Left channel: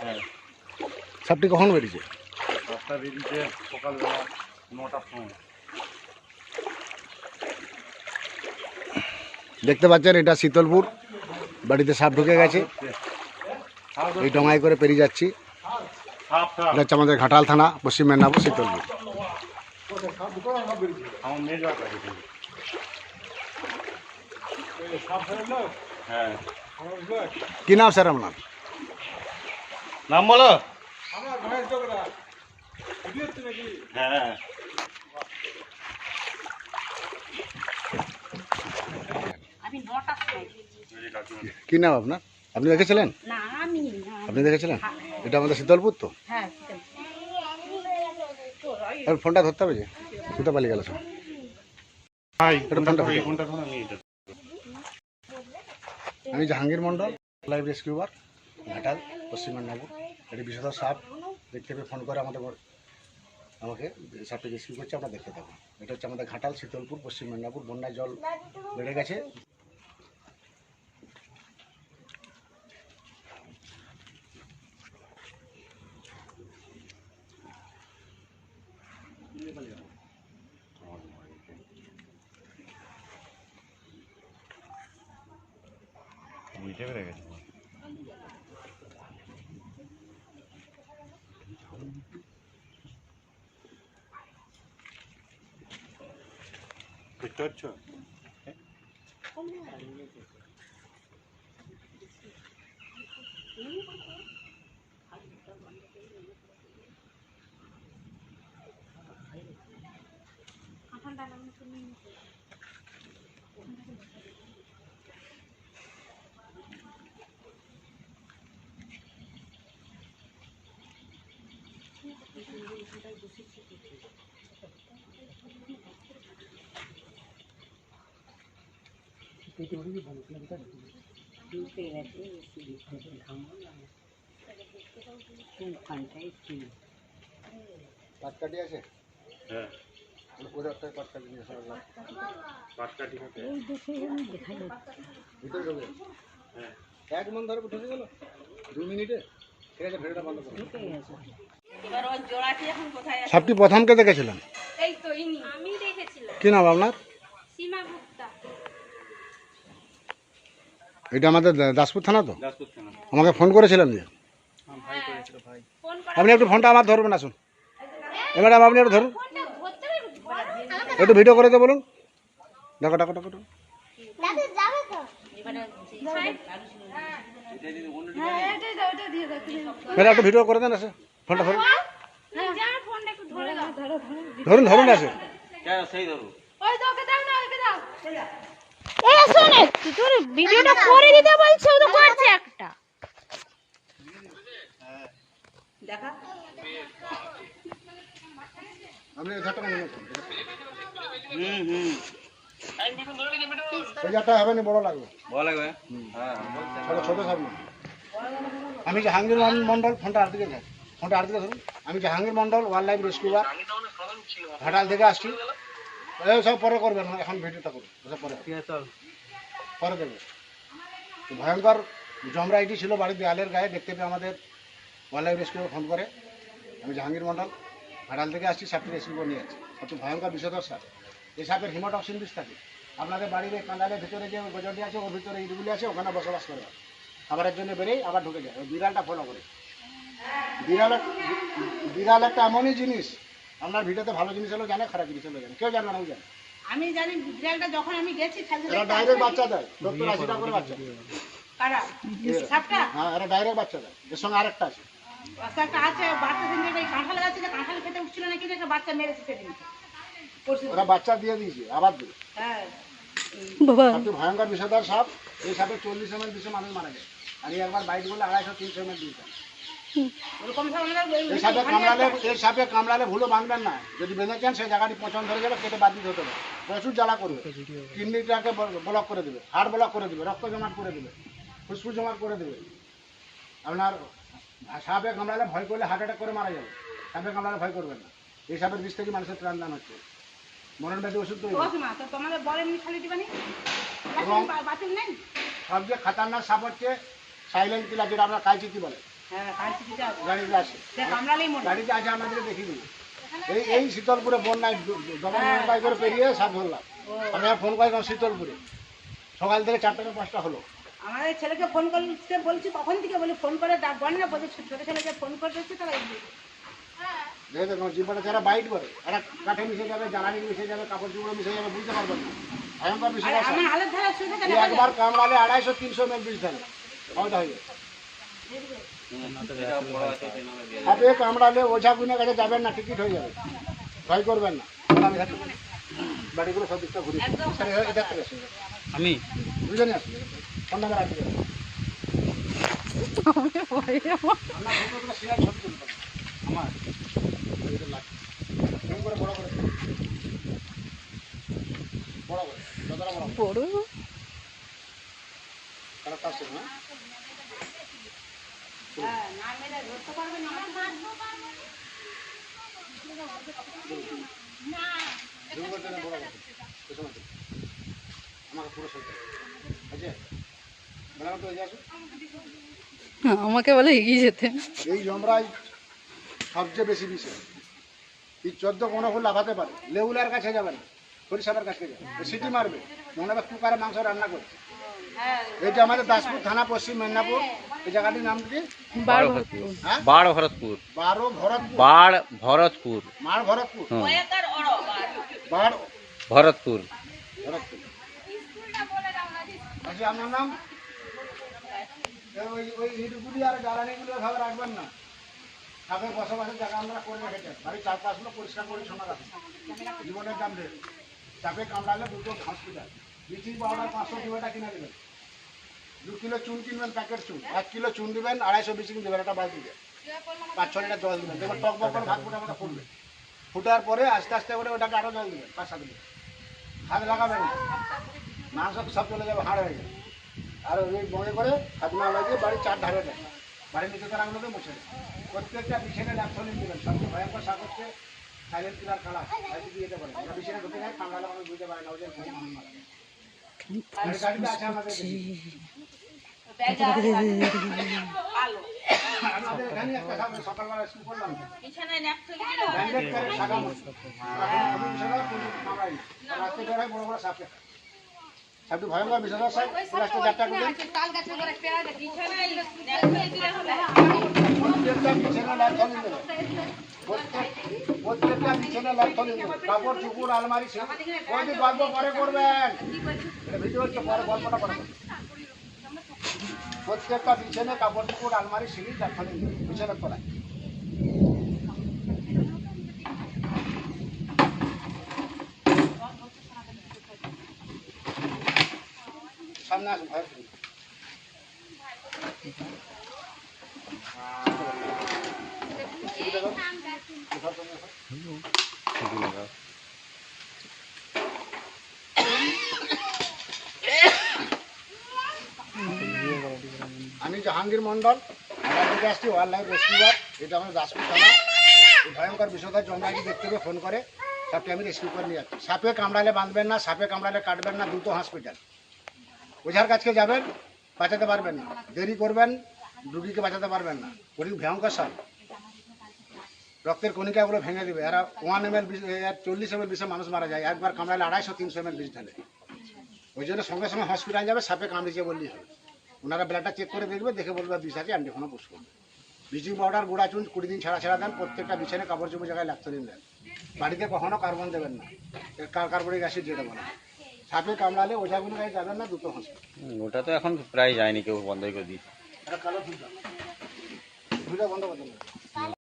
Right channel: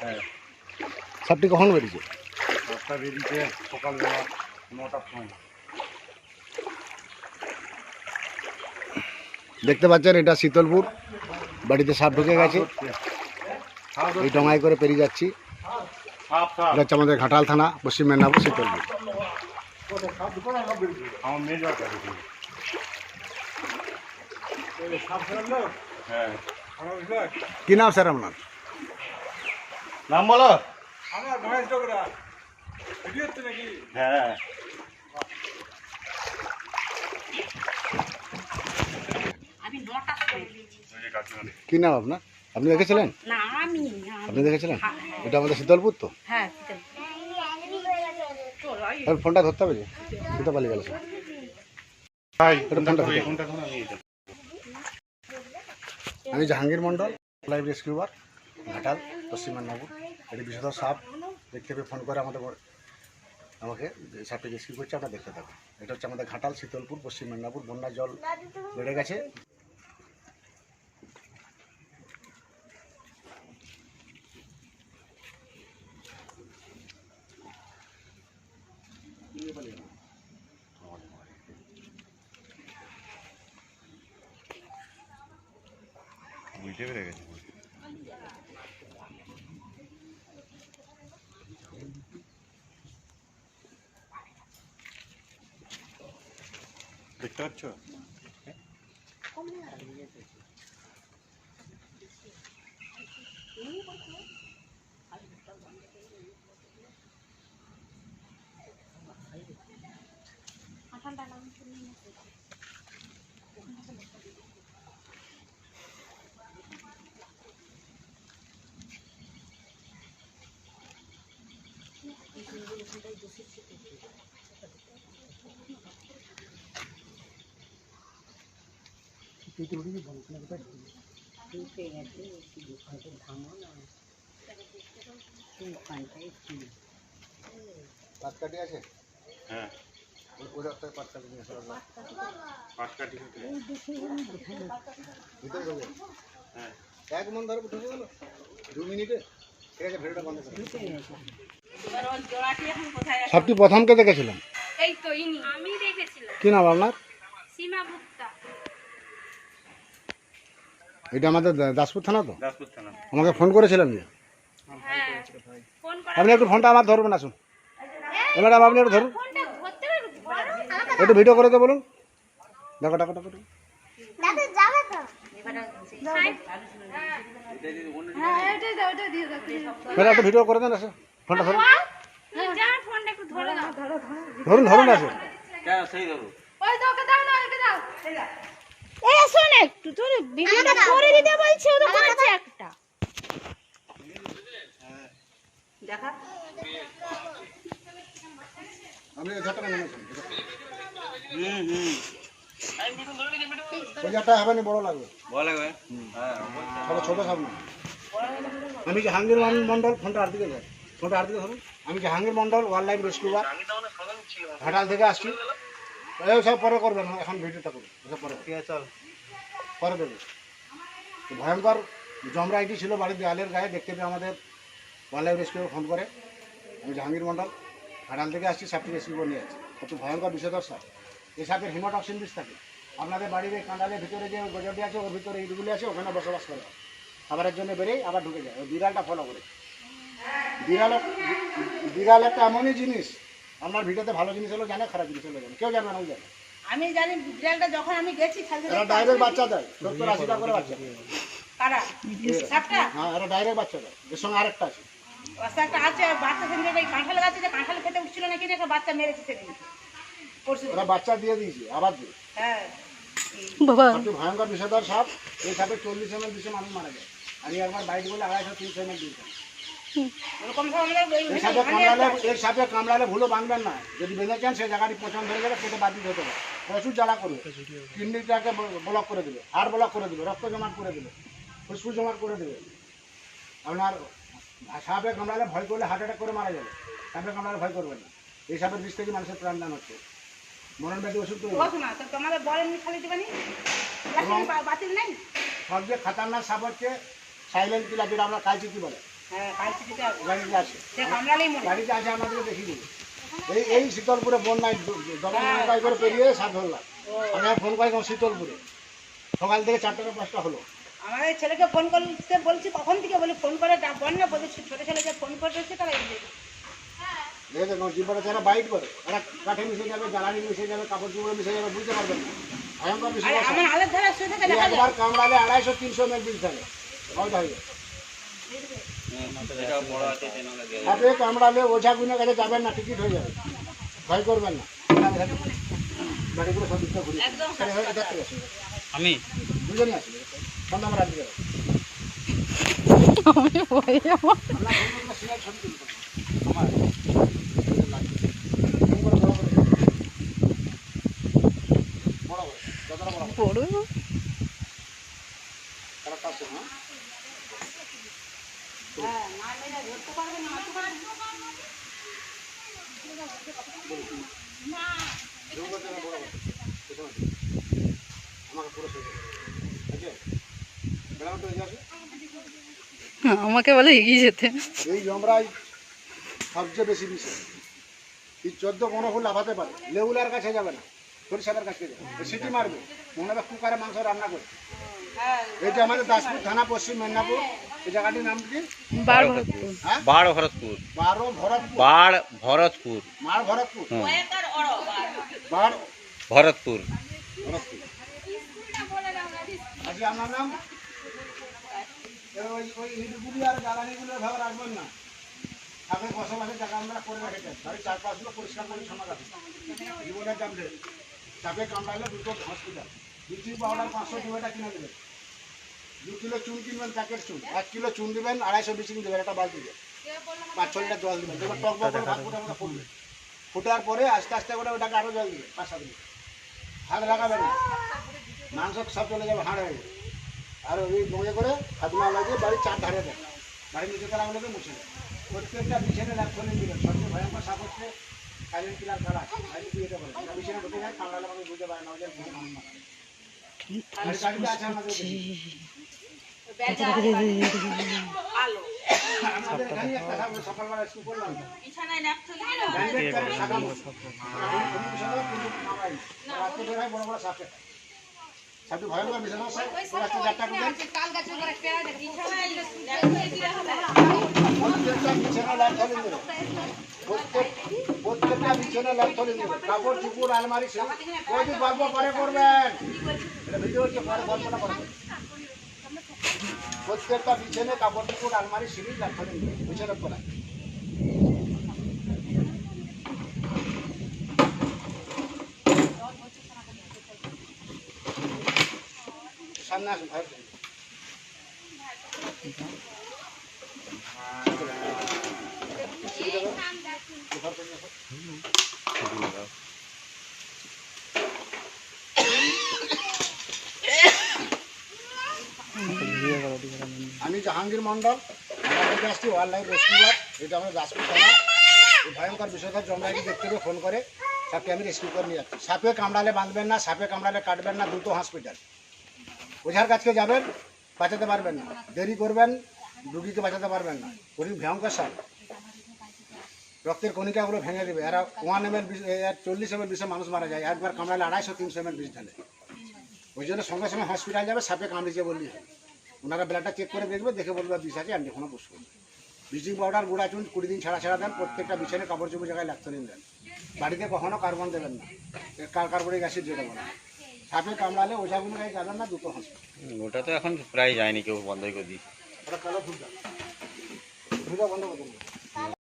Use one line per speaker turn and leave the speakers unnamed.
হ্যাঁ।
সাপটি কখন বেরিয়েছে?
দশটা বেরিয়েছে সকালবেলা নটার সময়।
দেখতে পাচ্ছেন এটা শীতলপুর। বাড়িতে সাপ ঢুকে গেছে। এই ডঙায় করে পেরিয়ে যাচ্ছি।
সাপ সাপ
এটা হচ্ছে আমাদের ঘাটাল থানা পশ্চিম মেদিনীপুর শীতলপুর।
হ্যাঁ।
কি নাম স্যার আপনার?
নাম বলো।
আমার ভয়েস ডোকরা ভিডিও হচ্ছে নাকি?
হ্যাঁ।
কি নাম আপনার? আপনি দেখেছিলেন? আপনি দেখেছিলেন? এটা আমাদের শীতলপুর তো?
হ্যাঁ
ফোনটা ধরতে হবে যে। কোথায় পালিয়ে গেল স্যার
আমি
জাহাঙ্গীর মন্ডল লাইভ রেস্কিউবার ঘাটাল পশ্চিম মেদিনীপুর। এটি বিষধর সাপ। দেখতে পেয়ে ফোন করে আমাদের আমাকে সাপটি রেস্কিউ করছে, আমরা দেখতে থাকব এটা হচ্ছে আমাদের ঘাটাল, শীতলপুর, পশ্চিম মেদিনীপুর। বন্যার জল বেড়ে গেছে।
বুঝতে পেরে গেছি দেখতে পাচ্ছ
ঢুকে গেছে, কি বিপদ, ঘামো না। কোনখানটায় কি?
পাটকাটি আছে
হ্যাঁ
ওদের একটা পাটকাটি নিয়ে আসা হবে।
পাটকাঠি কাটে
এই দেখে আমি দেখা যাচ্ছে।
ভিতরে ঢোকে
হ্যাঁ
এক মন ধরে ঢুকে গেল দু মিনিটে ঠিক আছে ভিডিওটা বন্ধ করুন
ঢুকে গেছে।
সাপটি প্রথমকে দেখেছিলেন?
এই তো ইনি। আমি দেখেছিলাম।
কি নাম আপনার?
সীমা গুপ্তা।
এটা আমাদের দাসপুর থানা তো?
দাসপুর থানা।
আমাকে ফোন করেছিলেন যে? আপনি একটু ফোনটা আমার ধরবেন আসুন। এবার আপনি একটু ধরুন। একটু ভিডিও করে দে বলুন। দেখো দেখো দেখো। ম্যাডাম একটু ভিডিও করে দেন আসে। ফোনটা ধরুন
যা
ধরুন ধরুন আসে।
ওই তো ওকে দাও না ওকে দাও। এ শোনে তোর ভিডিওটা করে দিতে বলছে ও তো করছে একটা।
দেখা।
আপনি ঝাঁটা কেন
হুম হুম।
ওই ঝাঁটা হবে না বড় লাগবে।
ভালো লাগবে? হ্যাঁ।
ছোট ছোট সব আমি জাহাঙ্গীর মন- মন্ডল ফোনটা আর দিকে যাই ফোনটা আর দিকে ধরুন। আমি Jahangir Mondal wild life rescuer Ghatal থেকে আসছি। সব পরে করবেন এখন ভিডিওটা করুন। ওসব পরে। ঠিক আছে পরে দেবে। ভয়ঙ্কর জমরা ছিল বাড়ির দেয়ালের গায়ে দেখতে পেয়ে আমাদের ওয়াইল্ড লাইফ রেস্কিউ ফোন করে। আমি জাহাঙ্গীর মন্ডল ঘাটাল থেকে আসছি সাপটি রেস্কিউ করে নিয়ে যাচ্ছি। হচ্ছে ভয়ঙ্কর বিষধর সাপ এই সাপের হিমোটক্সিন বিষ থাকে। আপনাদের বাড়ির এই কাঁদালের ভিতরে যে গজরটি আছে ওর ভিতরে ইটগুলি আছে ওখানে বসবাস করে। খাবারের জন্য বেরোয় আবার ঢুকে যায়। ওই বিড়ালটা ফলো করে। বিড়াল বিড়াল একটা এমনই জিনিস আপনার ভিডিওতে ভালো জিনিস হলো জানে খারাপ জিনিস হলো জানে। কেউ জানবে না জানে।
আমি জানি বিড়ালটা যখন আমি গেছি
এরা ডাইরেক্ট বাচ্চা দেয় সত্তর আশি টাকা করে বাচ্চা দেয়। হ্যাঁ এরা ডাইরেক্ট বাচ্চা দেয়। এর সঙ্গে আরেকটা আছে।
পাশে একটা আছে আর বাচ্চা সেদিন যে কাঁঠাল গাছে যে কাঁঠাল খেতে উঠছিল নাকি যে একটা বাচ্চা মেরেছে সেদিন পরশু
ওরা বাচ্চা দিয়ে দিয়েছে আবার দিয়ে।
হ্যাঁ।
ভয়ঙ্কর বিষধর সাপ এই সাপে চল্লিশ এম এল মানুষ মারা যায়। আর একবার বাইট বলে আড়াইশো তিনশো এম এল দিয়েছে এই সাপে কামড়ালে এই সাপে কামড়ালে ভুলো বাঁধবেন না। যদি বেঁধেছেন সেই জায়গাটি পছন্দ ধরে যাবে কেটে বাদ দিতে হতে পারে প্রচুর জ্বালা করবে। কিডনিটাকে ব্লক করে দেবে হাড় ব্লক করে দেবে রক্ত জমাট করে দেবে ফুসফুস জমাট করে দেবে। আপনার সাপে কামড়ালে ভয় করলে হার্ট অ্যাটাক করে মারা যাবে। সাপে কামড়ালে ভয় করবেন না। এই সাপের বিষ থেকে মানুষের প্রাণদান হচ্ছে। মরণ ব্যাধি ওষুধ তৈরি। সবচেয়ে খাতারনাক সাপ হচ্ছে সাইলেন্ট কিলার যেটা আমরা কালচিতি বলে।
হ্যাঁ
গাড়িতে গাড়িতে আমাদেরকে এই এই শীতলপুরে বন্যায় দমন নৌকায় করে পেরিয়ে সাপ ধরলাম আমি আর ফোন করেছিলাম শীতলপুরে। সকাল থেকে চারটা থেকে পাঁচটা হলো।
আমাদের ছেলেকে ফোন করতে বলছি কখন থেকে বলি ফোন করে বল না বলছি ছোট ছেলেকে ফোন করে দিচ্ছে তারা
দেখে দেখো জীবনে যারা বাইট করে। এরা কাঠে মিশে যাবে জ্বালানি মিশে যাবে কাপড় চুপড়ে মিশে যাবে বুঝতে পারবেন না। বিষয়
থাকে
একবার কামড়ালে আড়াইশো তিনশো মেল বিষ হয়ে যায় আপনি কামড়ালে ওঝা গুনে কাছে যাবেন না টিকিট হয়ে যাবে। ভয় করবেন না। আমি থাকি বাড়িগুলো সব দিকটা ঘুরি এটা থেকে আসুন
আমি?
দুজনে আসুন। ফোন নাম্বার আসবে আমার বড় বড় করে যতটা বড়
বড়
কারেক্ট আছে হ্যাঁ জুম করতে না বড় করে পেছনে দিকে। আমাকে পুরো সই করে আছে বেলাঘাট হয়ে যাবে
আমাকে বলে এগিয়ে যেতে।
এই জমরাই সবচেয়ে বেশি বিষয়। এই চোদ্দ কোনো ফুল লাফাতে পারে লেউলার কাছে যাবে না সরিষাদার কাছে যাবে সিটি মারবে মনে হবে কুকারে মাংস রান্না করে এইটা আমাদের দাসপুর থানা পশ্চিম মেদিনীপুর এই জায়গাটির নাম কি?
বার
হ্যাঁ?
বাড় ভরতপুর।
বারো ভরতপুর।
বাড় ভরতপুর।
মার ভরতপুর। বার
ভরতপুর।
ভরতপুর। আচ্ছা আপনার নাম? ওই ওই আর জ্বালানিগুলো রাখবেন না। বসবাসের জায়গা আমরা করে রেখেছেন চারপাশগুলো পরিষ্কার দাম রেট চাপে কামড়ালে পাঁচশো কিনে দেবেন। দু কিলো চুন কিনবেন, প্যাকেট চুন। এক কিলো চুন দিবেন, আড়াইশো ব্লিচিং দেবেন একটা পাঁচ লিটার জল দিবেন। টক ফুটবে। ফুটার পরে আস্তে আস্তে করে ওটাকে আরও জল দিবেন, পাঁচ সাত লিটার হাত লাগাবেন মাংস সব চলে যাবে, হাড় হয়ে যাবে। আর ওই মজা করে হাত না লাগিয়ে বাড়ির চার ধারে দেন বাড়ির নিচে তারাগুলোকে মুছে দেন প্রত্যেকটা বিছানে ল্যাপথলিন দিবেন সবচেয়ে ভয়ঙ্কর সাপ হচ্ছে সাইলেন্ট কিলার খালাস বাড়িতে দিয়ে যেতে পারে ওরা বিছানে ঢুকে যায়, কামড়ালে মানুষ বুঝতে পারে না জন্য ঘুম আমাদের। একটা সকালবেলা স্কুল করলাম। বড় বড় সাপ সাপটি ভয়ঙ্কর বিষয় না, স্যার। প্লাস্টিক চারটা করে দেন। প্রত্যেকটা বিছানা ল্যাপথলিন দেবে প্রত্যেক- প্রত্যেকটা বিছানা ল্যাপথলিন দেবে কাপড় চুপুর আলমারি সে কদিন গল্প পরে করবেন ভিডিও হচ্ছে পরে গল্পটা করে প্রত্যেকটা বিছানে কাপড় চুপুর আলমারি সিঁড়ি দেবে বিছানার তলায়। আমি জাহাঙ্গীর মন্ডল আমরা আসছি ওয়াইল্ড লাইফ এটা আমাদের দাসপুর থানা। এই ভয়ঙ্কর বিষয়টা জন্মাইটি দেখতে পেয়ে ফোন করে। সাপকে আমি রেস্কিউ করে নিয়ে যাচ্ছি। সাপে কামড়ালে বাঁধবেন না, সাপে কামড়ালে কাটবেন না, দ্রুত হসপিটাল ওঝার কাছকে যাবেন, বাঁচাতে পারবেন না। দেরি করবেন, রুগীকে বাঁচাতে পারবেন না। ওই ভয়ঙ্কর সাপ। রক্তের কণিকাগুলো ভেঙে দেবে। এরা ওয়ান এম এল চল্লিশ এম এল বিষে মানুষ মারা যায়। একবার কামড়ালে আড়াইশো, তিনশো এম এল বিষ ঢালে। ওই জন্য সঙ্গে সঙ্গে হসপিটাল যাবে, সাপে কামড়িয়েছে বললেই হবে। ওনারা ব্লাডটা চেক করে দেখবে, দেখে বলবে বিষ আছে অ্যান্টিফোনা পুষ করবে। ব্লিচিং পাউডার গুঁড়া চুন, কুড়ি দিন ছাড়া ছাড়া দেন, প্রত্যেকটা বিছানে কাপড় চোপড় জায়গায় দিন দেন। বাড়িতে কখনো কার্বন দেবেন না। কার্বনিক অ্যাসিড যেটা বলা। হয়। সাপে কামড়ালে ওঝাগুলো গায়ে যাবেন না দুটো হাঁস
ওটা তো এখন প্রায় যায়নি কেউ বন্ধই করে দিই
কালো ফুলটা ফুলটা বন্ধ করতে হবে